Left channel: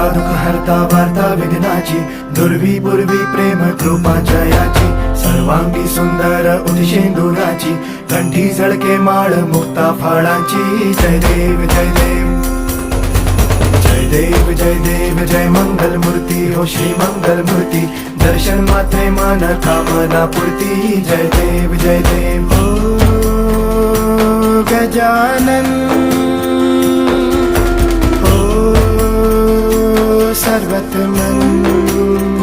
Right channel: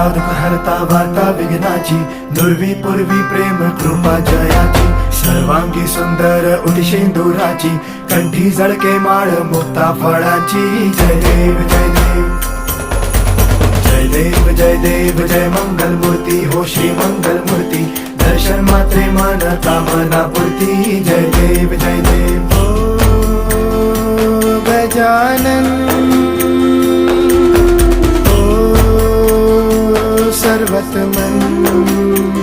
हरता दुःख हरता वार्ता विघ्नाची, दुर्वी पूर्वी प्रेम कृपा जयाची, सर्वांगी सुंदर उदिशेंदुराची, कंठी झळके माळ मुक्ता फळाची. जय देव जय देव जय देव जय देव जय मंगल मूर्ती हो श्री मंगल मूर्ती, दर्शन मात्रे मन कामना पूर्ती. जय देव जय देव हो गजानन हो सर्वतमन.